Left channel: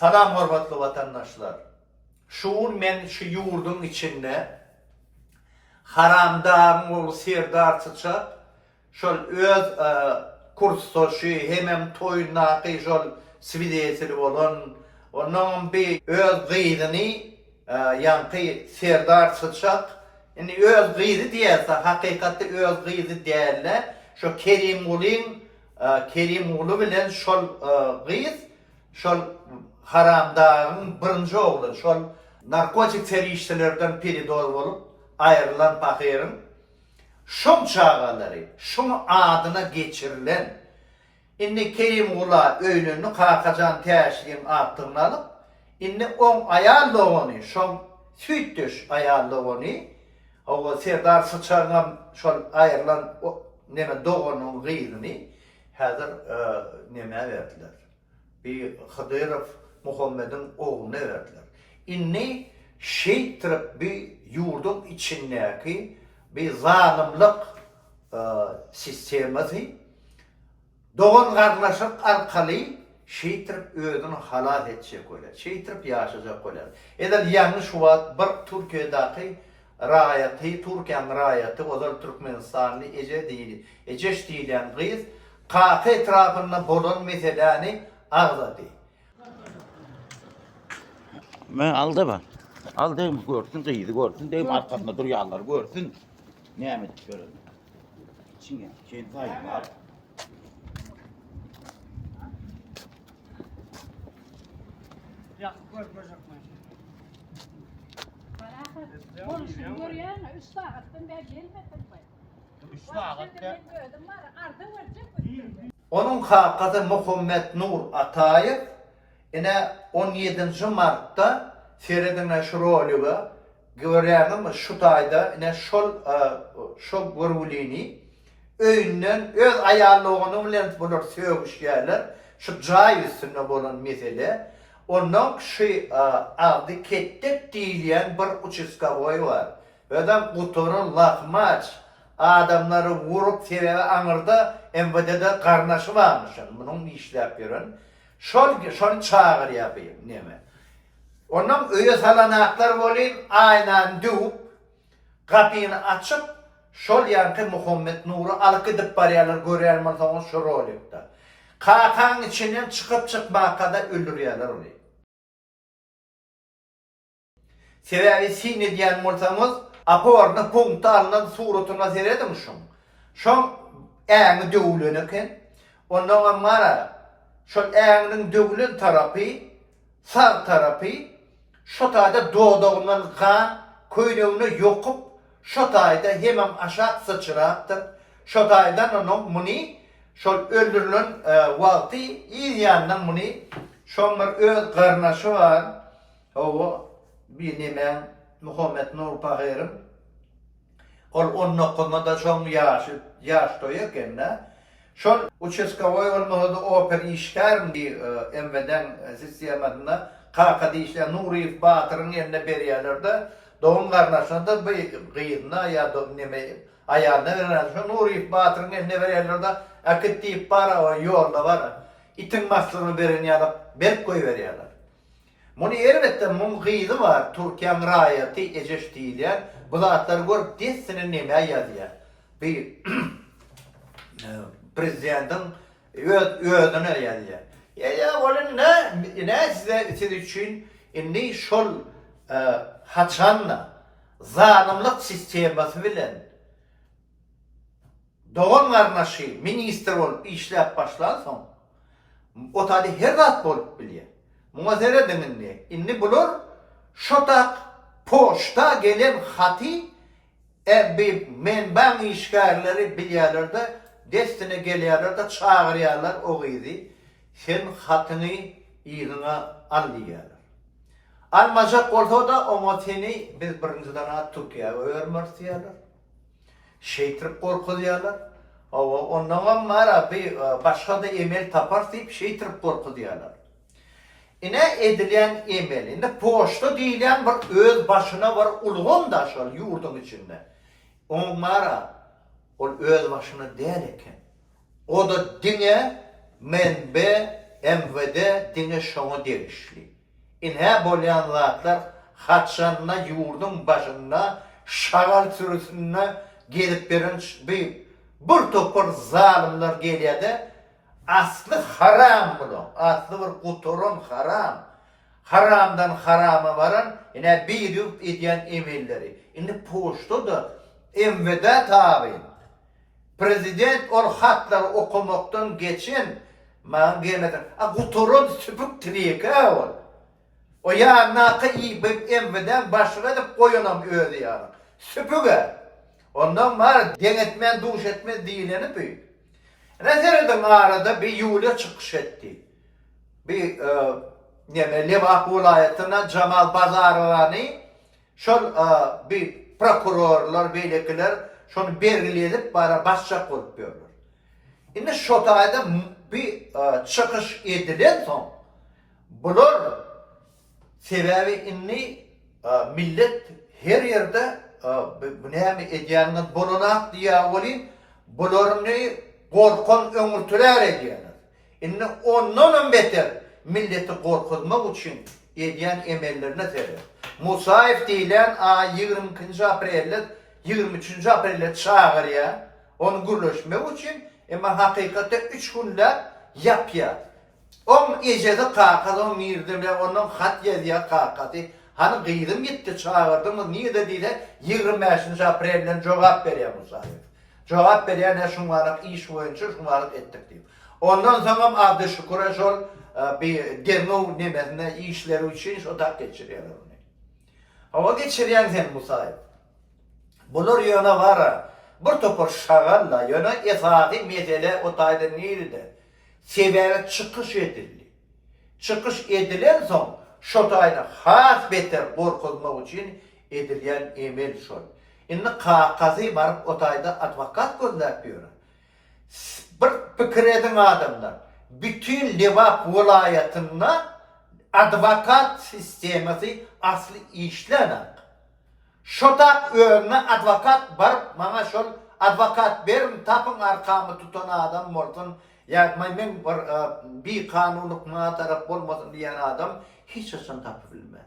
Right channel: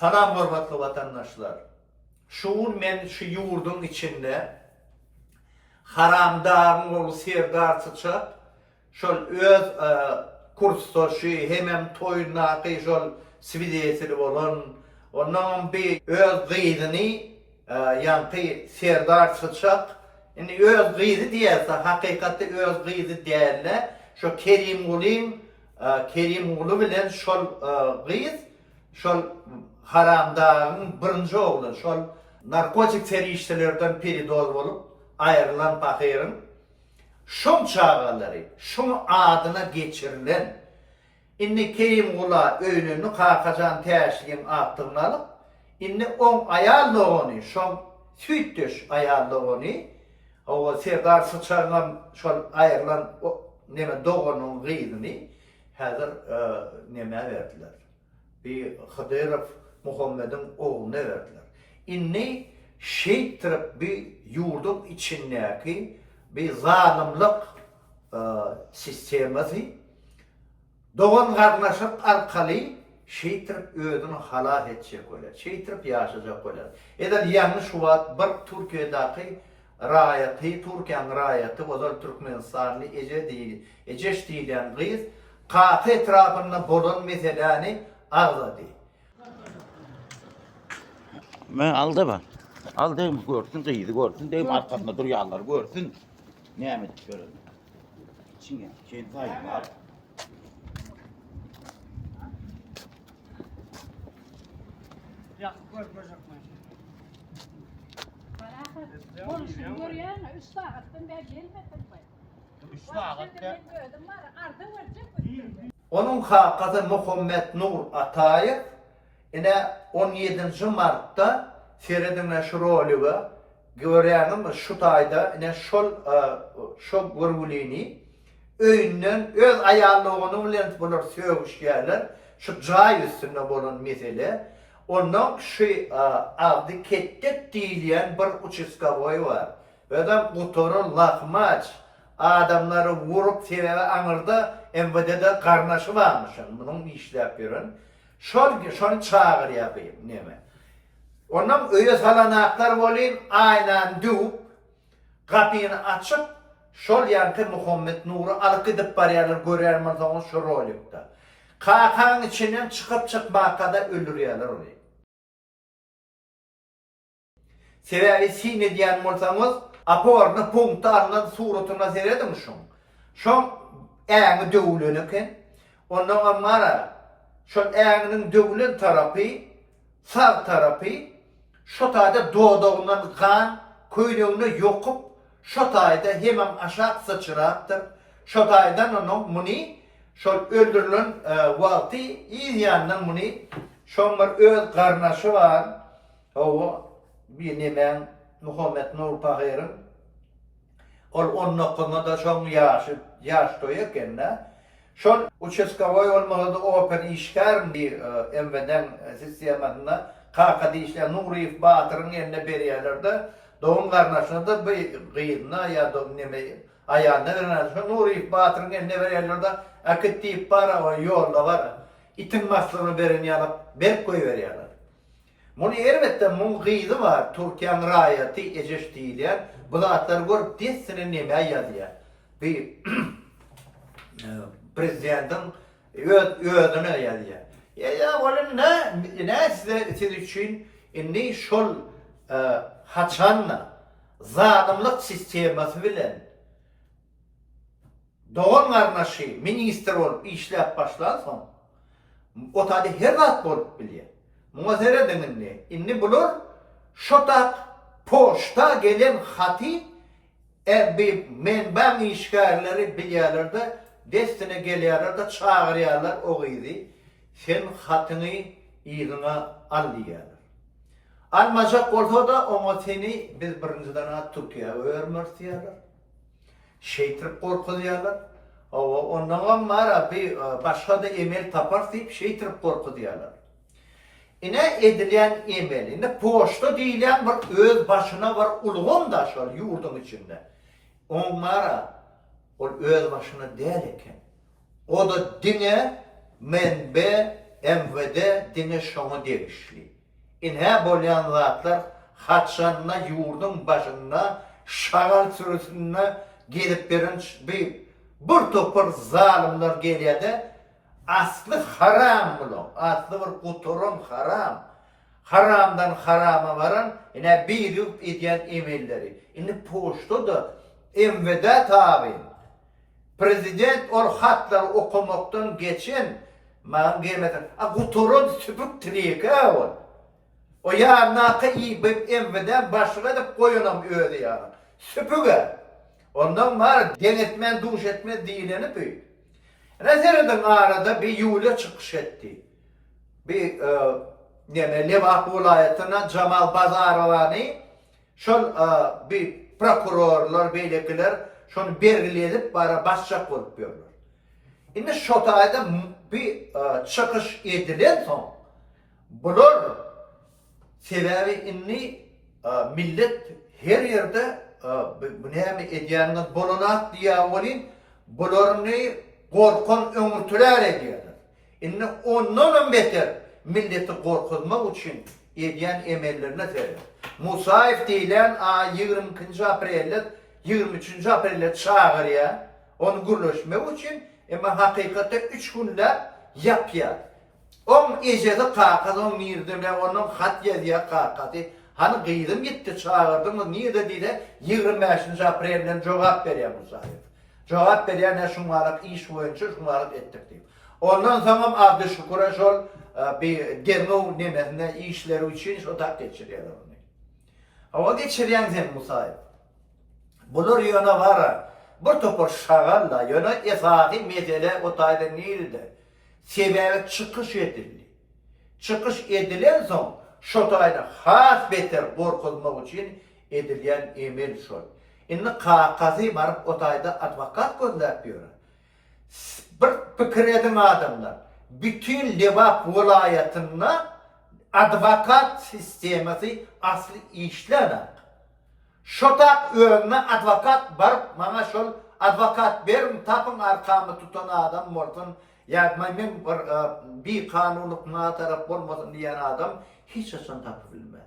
Salam hormatly vatandaşlar. Şuun men şu yurdun içinde haramdağın olu serdarçıça şol öz kurstoşu hemem toyunaqı şol svidiyetili olan onun bir öz gıydını yankı serdarçıça yani öz gıydı diyelse hakikatte öz gıydı değerle şu Kerim Ulu bilen şol gıyız şol haramdağın birinci oğlu şol narkotik teröristlerden biri olup ayrılan bakırın şun çağaları şun adına geçirilen inni Kerim Ula öynünü kakacan teşliğin attığını alıp inni on ayarlı onu şun süttüş ayarlı onu o Serdar Sıçar'dan şol ayrılan neme doğunun gıydını hazır neme verdiler. Bir Hıdırov Muhammed'in oğluna verdiler. İnni şeytirip bir yurdun içindeki bir zalimlik sistemati doğun kardeşlik alkalı şeytirip özünü halal edecek öyle. Şeytirip yaşayacak öyle. Eder yanlış var bir Türkiye'deki rayatı, Türkiye'nin rayatı, o da Türkmenistanlı Eceş deyilen kız kakı etrafında bolun meseleni ağladı. Ben aldı mı? Aldığım görsün, kıydı görsün, deyim arkasında duruyorlar görsün. Ne emet görelim. Çinge, sayın var. Ya, görmeyecek mi? Konuşun görüyor musun? 3 saatten beri gelmedim ben. 3 saatte. Onun hakikati Muhammed Nur Atayev yine 17. Mart'ta Feridun Şuroliga görenim şu tayda yine şol görgülini öyünden öz ayarlığını bilen bulur söğüş yerler şu cay üstünde bulan mesele onun adı kettek diyen bir uçuskavoy var. Ödem kuturun lahmaç adamları vurup sebebi anırda MVD'de karnaşı varmış. Bunun işle yapıyorum. Şol çağır yapayım neme. Onun öyle salanaklar olayım aynen düğüp kapıyını açıp şol yankı Muhammed Nur'u alıp gidip bariyerler görüyorlar sonra şu rolikte. Kakan içinden çıkıp çıkmak kadar öldürüyorlar orayı. Sebebi sini diyen olsanız aporunu punkta alınan suratına seyredin şun. Şun eğini dövülünüken ondan amara şun eğinin dövülün tarafı sağ tarafı şu tayda doğduğundan kan kuyruğunu yokup şu tayda hemen aşağı sıçrattır. Şu taydan onun muni şu öldürülen vakti izyandan muni şunlar öz karnaşı var. O bir nemen Muhammed Nur Pahir'in onun okulunda da şun yaş doyukken de şun uçeskavoy olmalı da oper işler bir emveden sistematında kakadi işte Nuri Batır'ın yerine beriyelerde doğum karnaşına da bir gıyına ya da neme ayağına verilen Nuri Batır'ın yerine beriyelerde akıttı para yolda var itin masrını verin ya berk koy veriyorlar. Bunu elbette bunun gıydı var. Türkiye'nin rayatı Eceş diyen bu zatlar görüp desini neme yazıyor. Bir prezidentin ödünü yazıyor. Ya böyle ne siz için ne şol haçanla zalimlik sistemasi bilen doğan karnaşı minister olup işlep başlarsın o tadı her rahat olup biliyor. Muazere deminli inni bulur şotak poşta gelen hati bir menben işgalleri biliyorlar da destine geliyorlar da çağırıyorlar o gıydı. Sen hatını iyiliğine al diyorlar. Almayacak olsa da o seni biz birinciden Türkiye'ye öğrenmez diyorlar. Şeytirip korku diyorlar. Ondan var bir başka da emel tapar deyip şeytirip korku diyorlar. Yine edilen emel, yine poşta diyen bir öz başına var ulğun da şöyle yurdun içinde. Onlara o öz başına değilken o da dine menbe MVD dine şonu degişli. İnhe bolyan zatlar hatşanına yurdun başına şagal sürüsüne gelip berin bir topur zalimler geliyede aslı haram bulun. Aslı bir kuturum haram. Haramdan harama varan yine bir yük ediyen emelleri. Şimdi poştu da MVD tabi. Prezident ol hatlar okumaktan geçin. Man gelmeden. Kuturum süpük trika ol. O ya nakı iyi bir MVD başlığa da koyunam öyle yani. Süpüge. Ondan var denetmen duş etmez değileni büyük. Nezereden arada bir yule çıkış etti. Bir Levak vilayetine Cemal Bazarovani şol bir prokurorlar beylikler şonu belirleyip bara başçak olup diyorlar. Şimdi şotayda bir çıkış edilen son bulur sebebi inni millet her yerde bu neymi ediyanın bulunak diye olin bulurunu korkun ömürtüler ediyorlar. Inni ondan beter milleti korkutmak için ediyen emellerine serer. Musaif deyilen 22. Aprel'de 23. Aprel'de çağırıyor. Onu gürleşmek için ama hakikatte 3 günler yapıyor. On ecede kakası, on mirdiler, onun hat yazıya kakası. Hani kıydım gitti çağırdım, niye de dedi 25. Aprel'den cevap veriyor Musaif. Cevap veriyor ne şunlarlık iş boyunca şunlarlık ettik diyor. Ondan sonra Abdüşşükür'e şol bir derneği nemesine işleri için odak geçiriyorlar onu. O geçiriyen sen Musaif. Bulur yöne var. Bir topur şagalla yöne esadi mesele o tayda neydi? Sebebi çıkış edildi. Çıkış edilen son şu tayda has beter korkulmak için edilen emel şol. Şimdi kakazı varıp o tayda advokat gönderpiyor. Bir fikir edin adamlar. Bütün Levak vilayetinde advokat sistemisi aslı işlenek. Şotak önüne advokat barıp bana şol advokat verin tapın arkamı tutan adam mortun ya men bir kanunluk ma taraf olmasın diyen adam hiç asan tapı bilmez.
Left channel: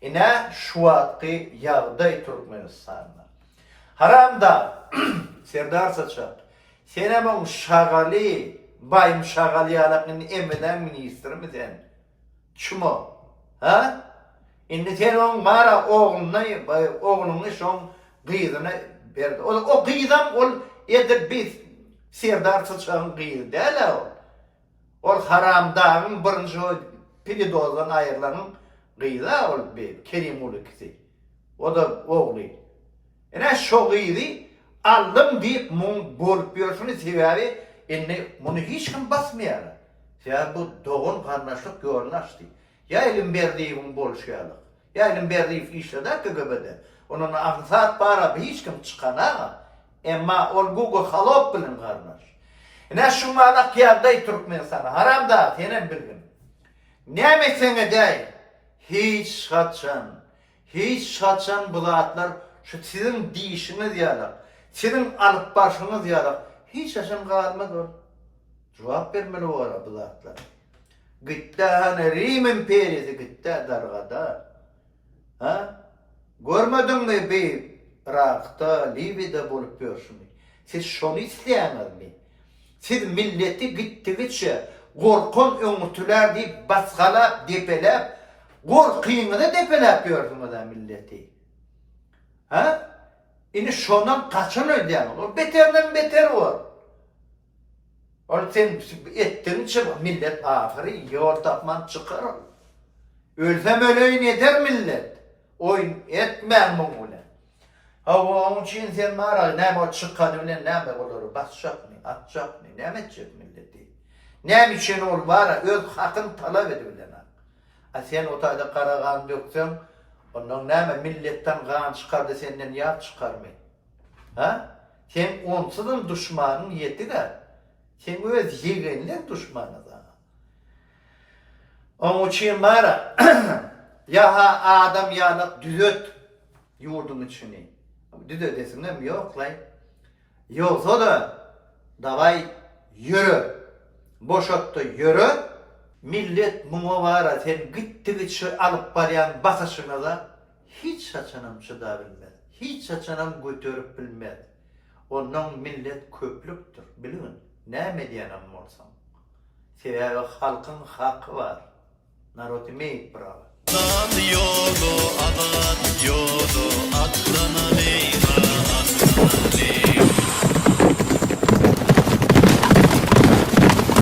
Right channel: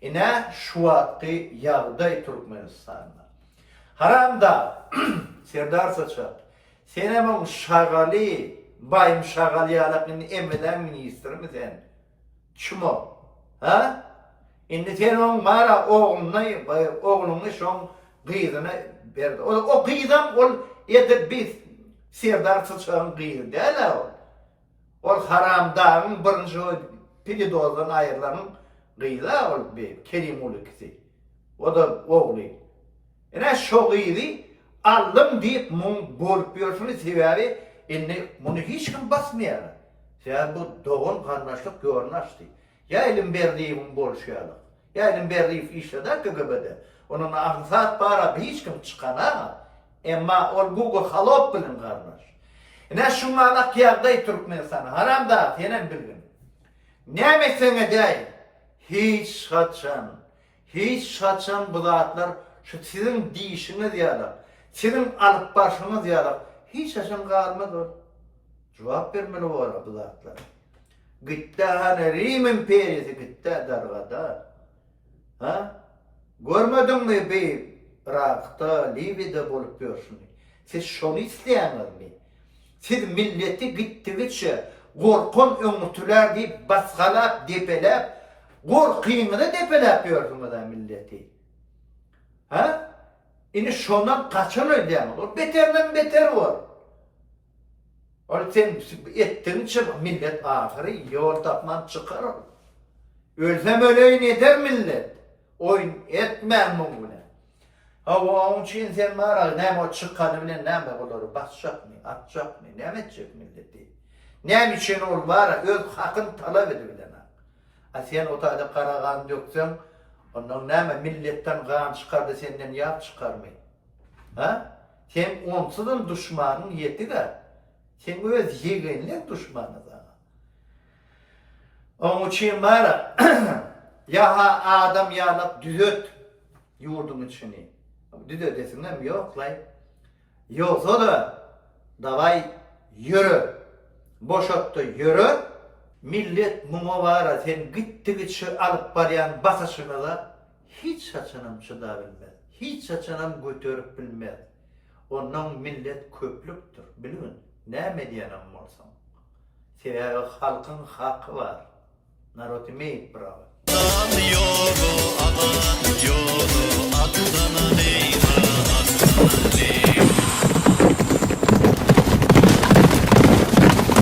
İne şu hakkı yağday Türkmenistan'da. Haramda Serdar Saçak senemin şagali bayım şagali yalakını emeden ministri mi sen? Çumo? Ha? Şimdi sen onun mara oğlunu şon gıydını verdi. O gıydan ol yedir biz Serdar Saçak'ın gıydı değil o. O haramdağın birinci pilidozdan ayrılanın gıydı ol bir Kerim Ulukisi. O da oğlu. Yani şu gıydı aldım deyip mun bolup diyorsunuz sebebi bunu hiç kim basmıyor. Yani bu doğun karmaşlık görünüştü. Ya elim verdiğim bolşuyalık, ya elim verdiğim işleder KGB'de. Onun aksat para hiç kim çıkana, ama ol Google halop bilin kardeş. Ne şunlarla kıyarday Türkmenistan'a, haramda senin bilgin. Ne mesene değil, hiç kaçan bulatlar, şu sizin dişiniz yalar, sizin alıp başınız yalar, hiç yaşam kalmadı. Cevap vermeli o ara bulatlar. Gitti hani Rim imperiyası gitti dargada. Ha? Görmedin mi bir Irak'ta, Libya'da bulup diyorsun. Siz şunu isteyemez mi? Siz milleti gittikçe korkun ömürtüler deyip baskalap, depelep, korkuyunu depelep diyorsunuz da milleti. Ha? Yine şundan kaçın ödeyen olur. Beterden beter var. Or sen ettin çık millet ahiri yol tapman çıkar. Ölsem öleyin eder millet. Oyun etmem bunu. Onun için sen mara ne o çıkanı bile ne olur basacak mı, atacak mı, ne edecek milleti. Ne için ol var öz hakkın talep ediyorlar. Sen o tayda kara kan döksen ondan ne milletten kan çıkardı senden yağ çıkarmayı. Ha? Sen onsuzun düşmanın yetti de. Sen öz yeğenlik düşmanı da. Onun için mara ya adam yanıp düzöt yurdun içini. Düzöt desin mi? Yok lan. Yoksa da davay yürü. Boşotta yürü. millet muňa bara sen gitdi şu alıp barýan basaşyna da hiç saçanam çıda bilmez. Hiç saçanam götürüp bilmez. Ondan millet köplüktür. Bilin, näme diýenem bolsam. Sebäbi halkyň haky bar. Narod meýip brava. Yolu adat, yolu atlanani